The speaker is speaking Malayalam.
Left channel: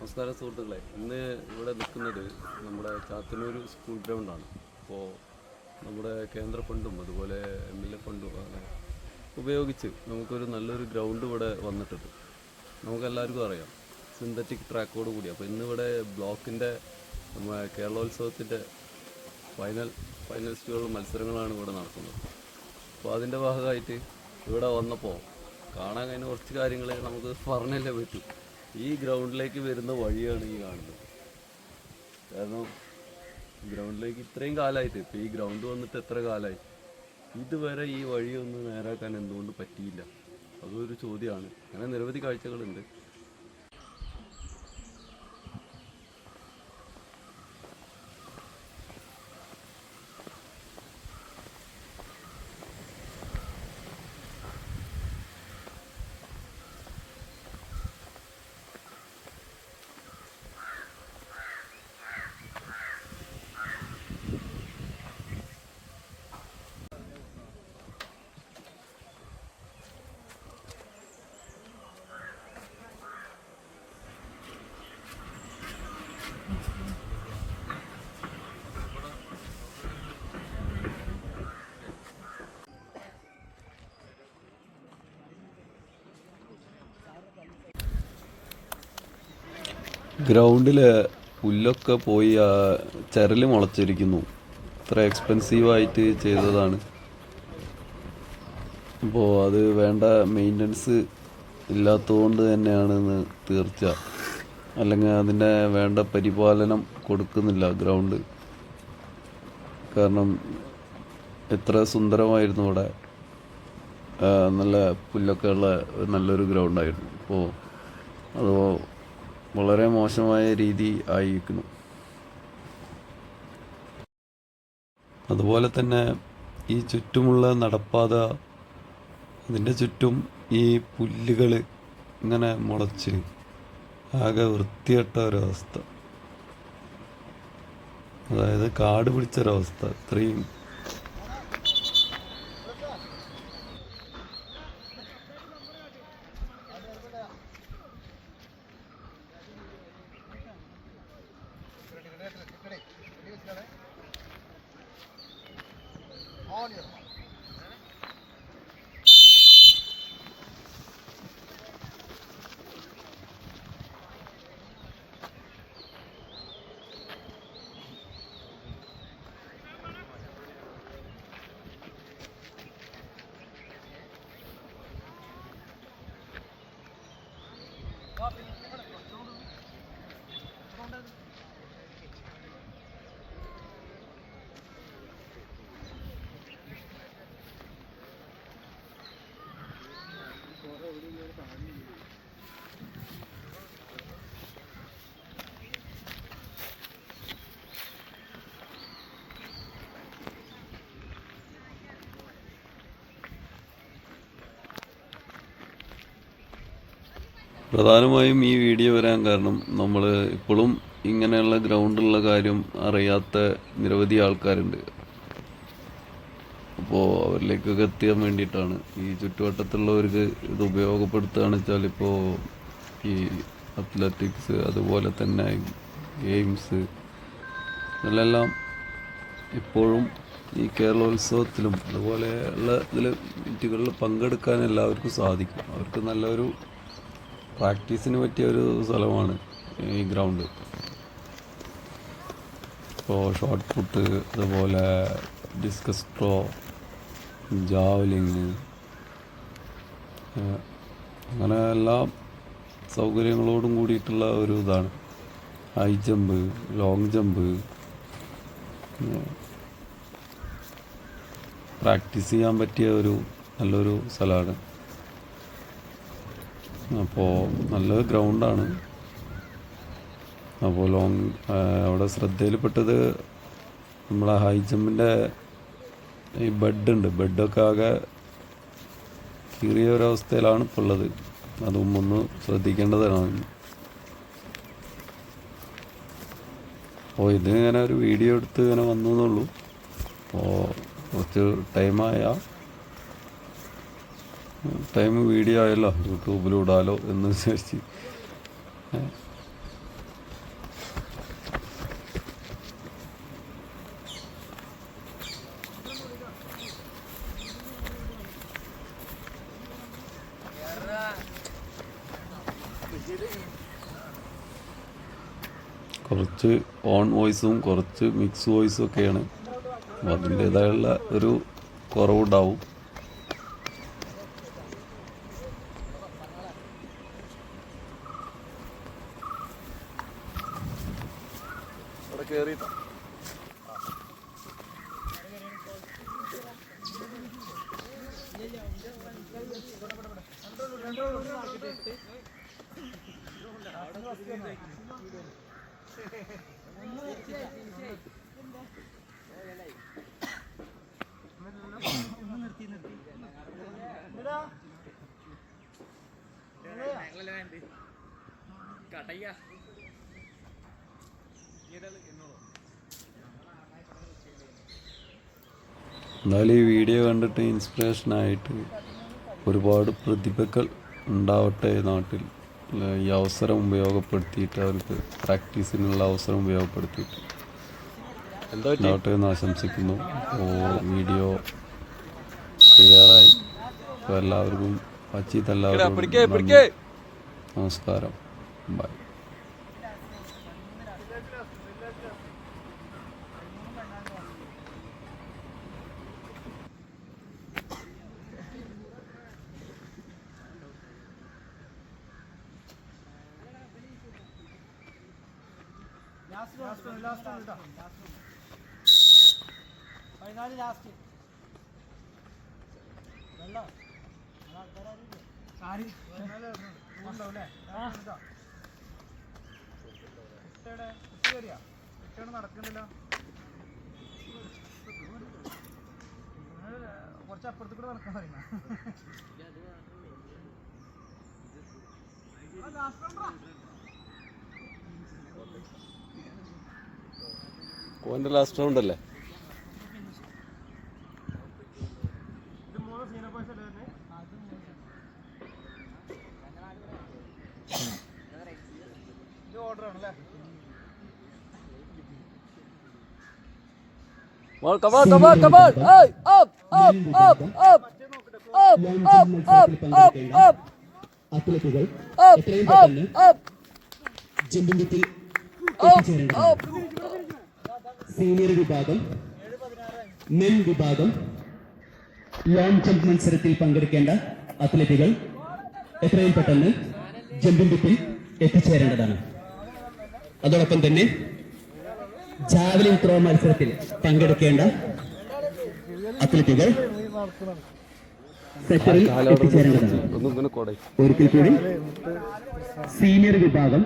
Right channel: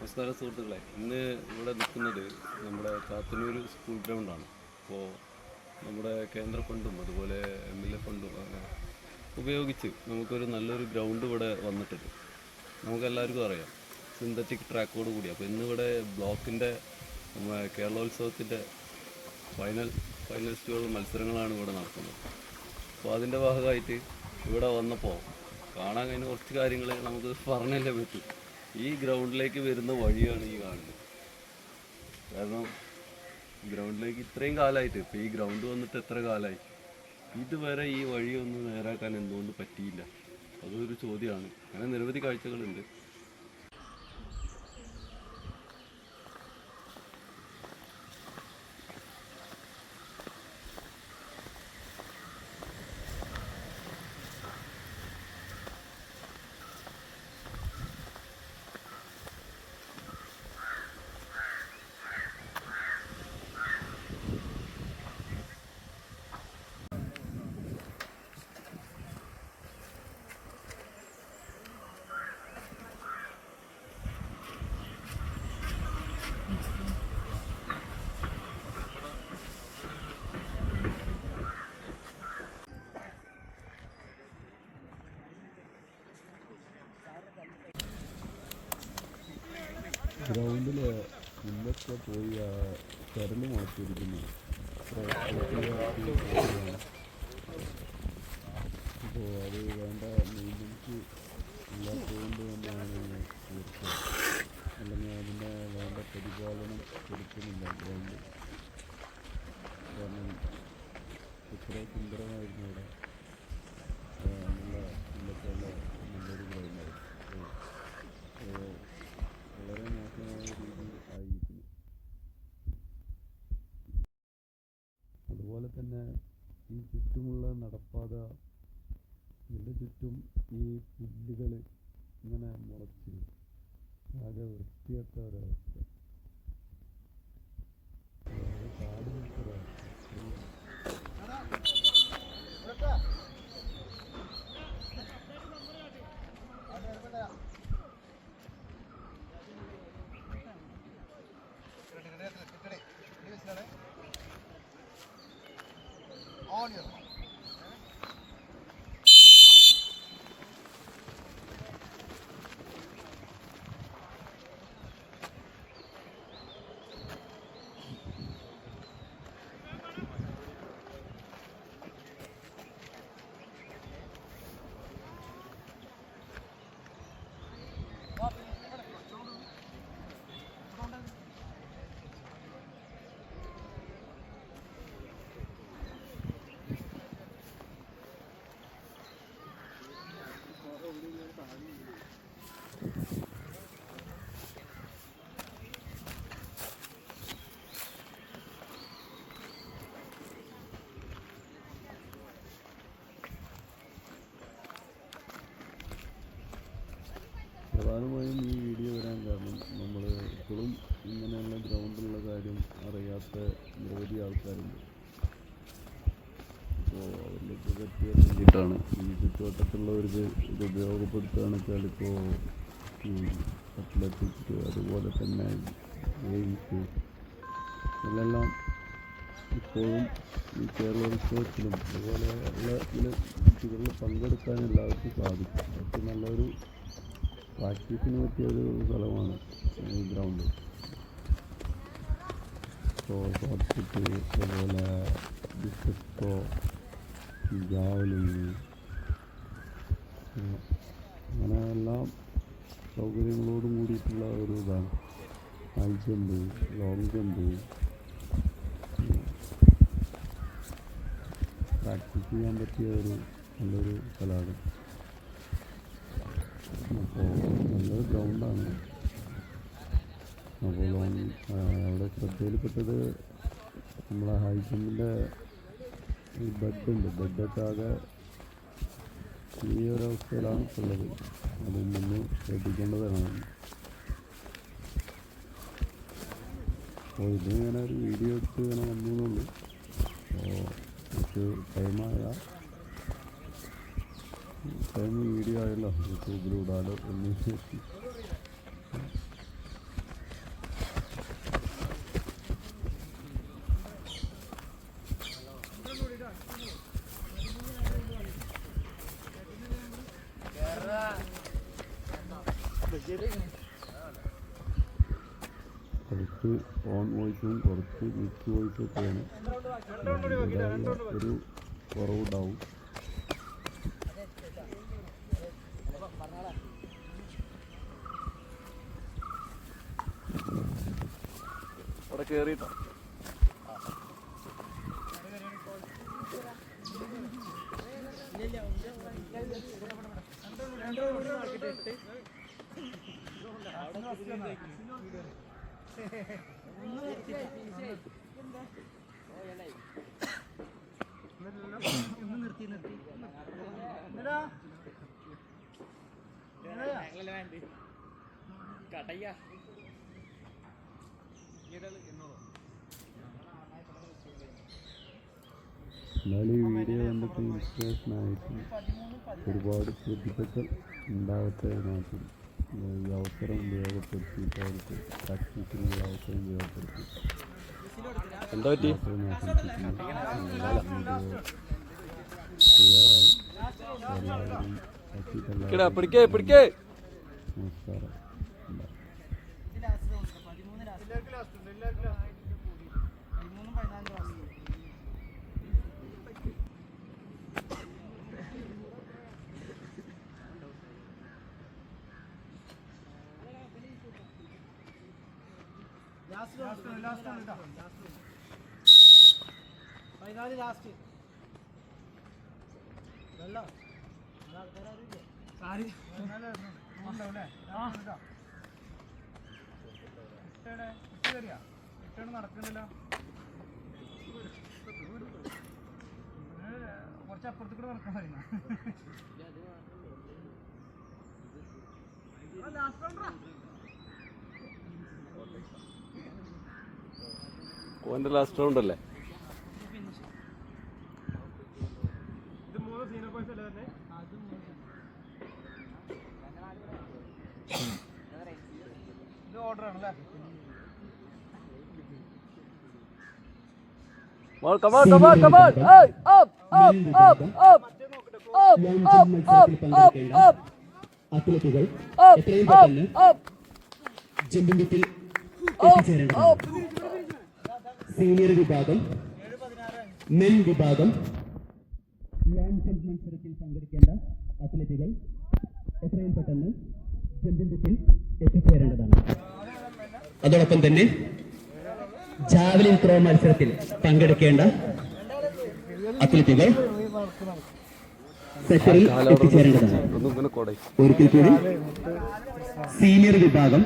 നമസ്കാരം സുഹൃത്തുക്കളെ, ഇന്ന് ഇവിടെ നിൽക്കുന്നത് നമ്മുടെ ചാത്തന്നൂർ സ്കൂൾ ഗ്രൗണ്ടാണ്. അപ്പോൾ നമ്മുടെ കേന്ദ്ര ഫണ്ടും അതുപോലെ MLA ഫണ്ടും അങ്ങനെ ഉപയോഗിച്ച് നമുക്കൊരു നല്ലൊരു ഗ്രൗണ്ട് ഇവിടെ വന്നിട്ടുണ്ട്. നമുക്കെല്ലാവർക്കും അറിയാം, സിന്തറ്റിക് ട്രാക്കോട് കൂടി. അപ്പോൾ ഇന്നിവിടെ ബ്ലോക്കിൻ്റെ കേരളോത്സവത്തിൻ്റെ ഫൈനലിസ്റ്റുകൾ മത്സരങ്ങളാണ് ഇവിടെ നടക്കുന്നത്. അപ്പോൾ അതിൻ്റെ ഭാഗമായിട്ട് ഇവിടെ വന്നപ്പോൾ കാണാൻ കഴിഞ്ഞ കുറച്ച് കാര്യങ്ങൾ നമുക്ക് പറഞ്ഞല്ലേ പറ്റൂ. ഈ ഗ്രൗണ്ടിലേക്ക് വരുന്ന വഴിയാണ് ഈ കാണുന്നത്. കാരണം ഗ്രൗണ്ടിലേക്ക് ഇത്രയും കാലമായിട്ട്, ഇപ്പോൾ ഈ ഗ്രൗണ്ട് വന്നിട്ട് എത്ര കാലമായി, ഇതുവരെ ഈ വഴിയൊന്നും നേരാക്കാൻ എന്തുകൊണ്ട് പറ്റിയില്ല? അതൊരു ചോദ്യമാണ്. അങ്ങനെ നിരവധി കാഴ്ചകളുണ്ട്. ഗ്രൗണ്ടിൽ പുല്ലൊക്കെ പോയി ചരൽ മുളച്ചിരിക്കുന്നു. ഇത്ര എക്സ്പെൻസീവായിട്ട് ചെയ്തതാണ്. അപ്പോൾ അത് വേണ്ട മെയിൻ്റനൻസ് ഇല്ലാത്തതുകൊണ്ട് തന്നെയാണെന്ന് തീർച്ച. അല്ലെങ്കിൽ അതിൻ്റെ വേണ്ട പരിപാലനം കൊടുക്കുന്നില്ല ഗ്രൗണ്ട്. കാരണം എത്ര സുന്ദരമായിരുന്നു ഇവിടെ, നല്ല പുല്ലൊക്കെ ഉള്ള നല്ലൊരു ഗ്രൗണ്ടായിരുന്നു. അപ്പോൾ അത് വളരെ മോശമായ രീതി ആയിരിക്കുന്നു. അതുപോലെ തന്നെ ഈ ചുറ്റുമുള്ള നടപ്പാത, അതിൻ്റെ ചുറ്റും ഈ പുല്ലുകൾ ഇങ്ങനെ മുളച്ച് ആകെ വൃത്തികെട്ട ഒരവസ്ഥ. അതായത് കാട് പിടിച്ചൊരവസ്ഥ. ഇത്രയും പ്രധാനമായും ഈ വീഡിയോ വരാൻ കാരണം, നമ്മൾ ഇപ്പോഴും ഇങ്ങനെയുള്ള ഗ്രൗണ്ടുള്ള കാര്യം അറിയാത്ത നിരവധി ആൾക്കാരുണ്ട്. അപ്പോൾ അവരിലേക്കൊക്കെ എത്തിയാൻ വേണ്ടിയിട്ടാണ്. ഈ ചുറ്റുവട്ടത്തുള്ളവർക്ക് ഇത് ഉപയോഗപ്പെടുത്തുകയാണെന്ന് വെച്ചാൽ, ഇപ്പോൾ ഈ അത്ലറ്റിക്സ്, അതുപോലെ തന്നെ ഗെയിംസ്, ഇതിലെല്ലാം ഇപ്പോഴും ഈ കേരളോത്സവത്തിലും അതുപോലെയുള്ള മീറ്റുകളിൽ പങ്കെടുക്കാൻ എല്ലാവർക്കും സാധിക്കും. അവർക്ക് നല്ലൊരു പ്രാക്ടീസിന് പറ്റിയ ഒരു സ്ഥലമാണ് ഈ ഗ്രൗണ്ട്. ഇപ്പോൾ ഷോട്ട് പുട്ട്, അതുപോലെ ഡിസ്കസ് ത്രോ, ജാവലിങ്, അങ്ങനെ എല്ലാ സൗകര്യങ്ങളോടും കൂടിയിട്ടുള്ള ഒരു ഇതാണ്. High jump, long jump, practice ചെയ്യാൻ പറ്റിയ ഒരു നല്ലൊരു സ്ഥലമാണ്. അപ്പോൾ നല്ലൊരു ഗ്രൗണ്ടാണ്. അപ്പോൾ അവിടെ ശ്രദ്ധയിൽപ്പെട്ടത് നമ്മളെ ഹൈ ജമ്പിൻ്റെ ഈ ബെഡുണ്ട്. ബെഡൊക്കെ ആകെ കീറിയ ഒരവസ്ഥയിലാണ് ഇപ്പോൾ ഉള്ളത്. അതും ഒന്ന് ശ്രദ്ധിക്കേണ്ടതാണ്. അപ്പോൾ ഇതിങ്ങനെ ഒരു വീഡിയോ എടുത്ത് ഇങ്ങനെ വന്നു എന്നുള്ളൂ. അപ്പോൾ കുറച്ച് ടൈം വീഡിയോ ആയല്ലോ, യൂട്യൂബിലിടാലോ എന്ന് വിചാരിച്ച് കുറച്ച് ഓൺ വോയിസും കുറച്ച് മിക്സ് വോയിസും ഒക്കെയാണ്. അപ്പോൾ അതിൻ്റേതായുള്ള ഒരു കുറവുണ്ടാവും. എന്തായാലും ഈ വീഡിയോ കണ്ടിട്ട് ഇൻസ്പിറേഷനായിട്ട് ഒരുപാട് പ്രതിഭകൾ ഉണ്ടാവട്ടെ നാട്ടിൽ. ഈ അവസരം ഉപയോഗപ്പെടുത്തിയിട്ട് അവർക്ക് പ്രാക്ടീസിനുള്ള അവസരം ഉപയോഗപ്പെടുത്തിയിട്ട് ഉണ്ടാവട്ടെ എന്ന് ആശംസിക്കുന്നു. വീഡിയോ ക്ലിയറായി. അപ്പോൾ എല്ലാവർക്കും നമസ്കാരം. ബൈ. നടക്കുന്നില്ല. കുറച്ചപ്പുറത്ത് കൂടെ നടക്കാൻ പറയുന്ന ഓൻ്റെ ലാസ്റ്റ് റൗണ്ട് അല്ലേ? ഇത് 3 സീനിയർ ബോയ്സ് അല്ലേ തന്നെ? ഇത് ഓർഡർ ആണല്ലേ? Come on! Hey! Up! അത്ലറ്റുകൾ എത്രയും പെട്ടെന്ന് ജമ്പിംഗിൽ എത്തിച്ചേരേണ്ടതാണ്. സീനിയർ വിഭാഗം, മെൻ വിഭാഗം, ലോങ് ജമ്പ് മത്സരത്തിൽ പങ്കെടുക്കേണ്ട അത്ലറ്റുകൾ എത്രയും പെട്ടെന്ന് ജമ്പിംഗിൽ എത്തിച്ചേരേണ്ടതാണ്. അതോടൊപ്പം തന്നെ ജാവലിൻ ത്രോ മത്സരത്തിൽ പങ്കെടുക്കേണ്ട അത്ലറ്റുകൾ സെക്ടറിൽ എത്തിച്ചേരേണ്ടതാണ്. ഒരിക്കൽ കൂടി സീനിയർ വിഭാഗം,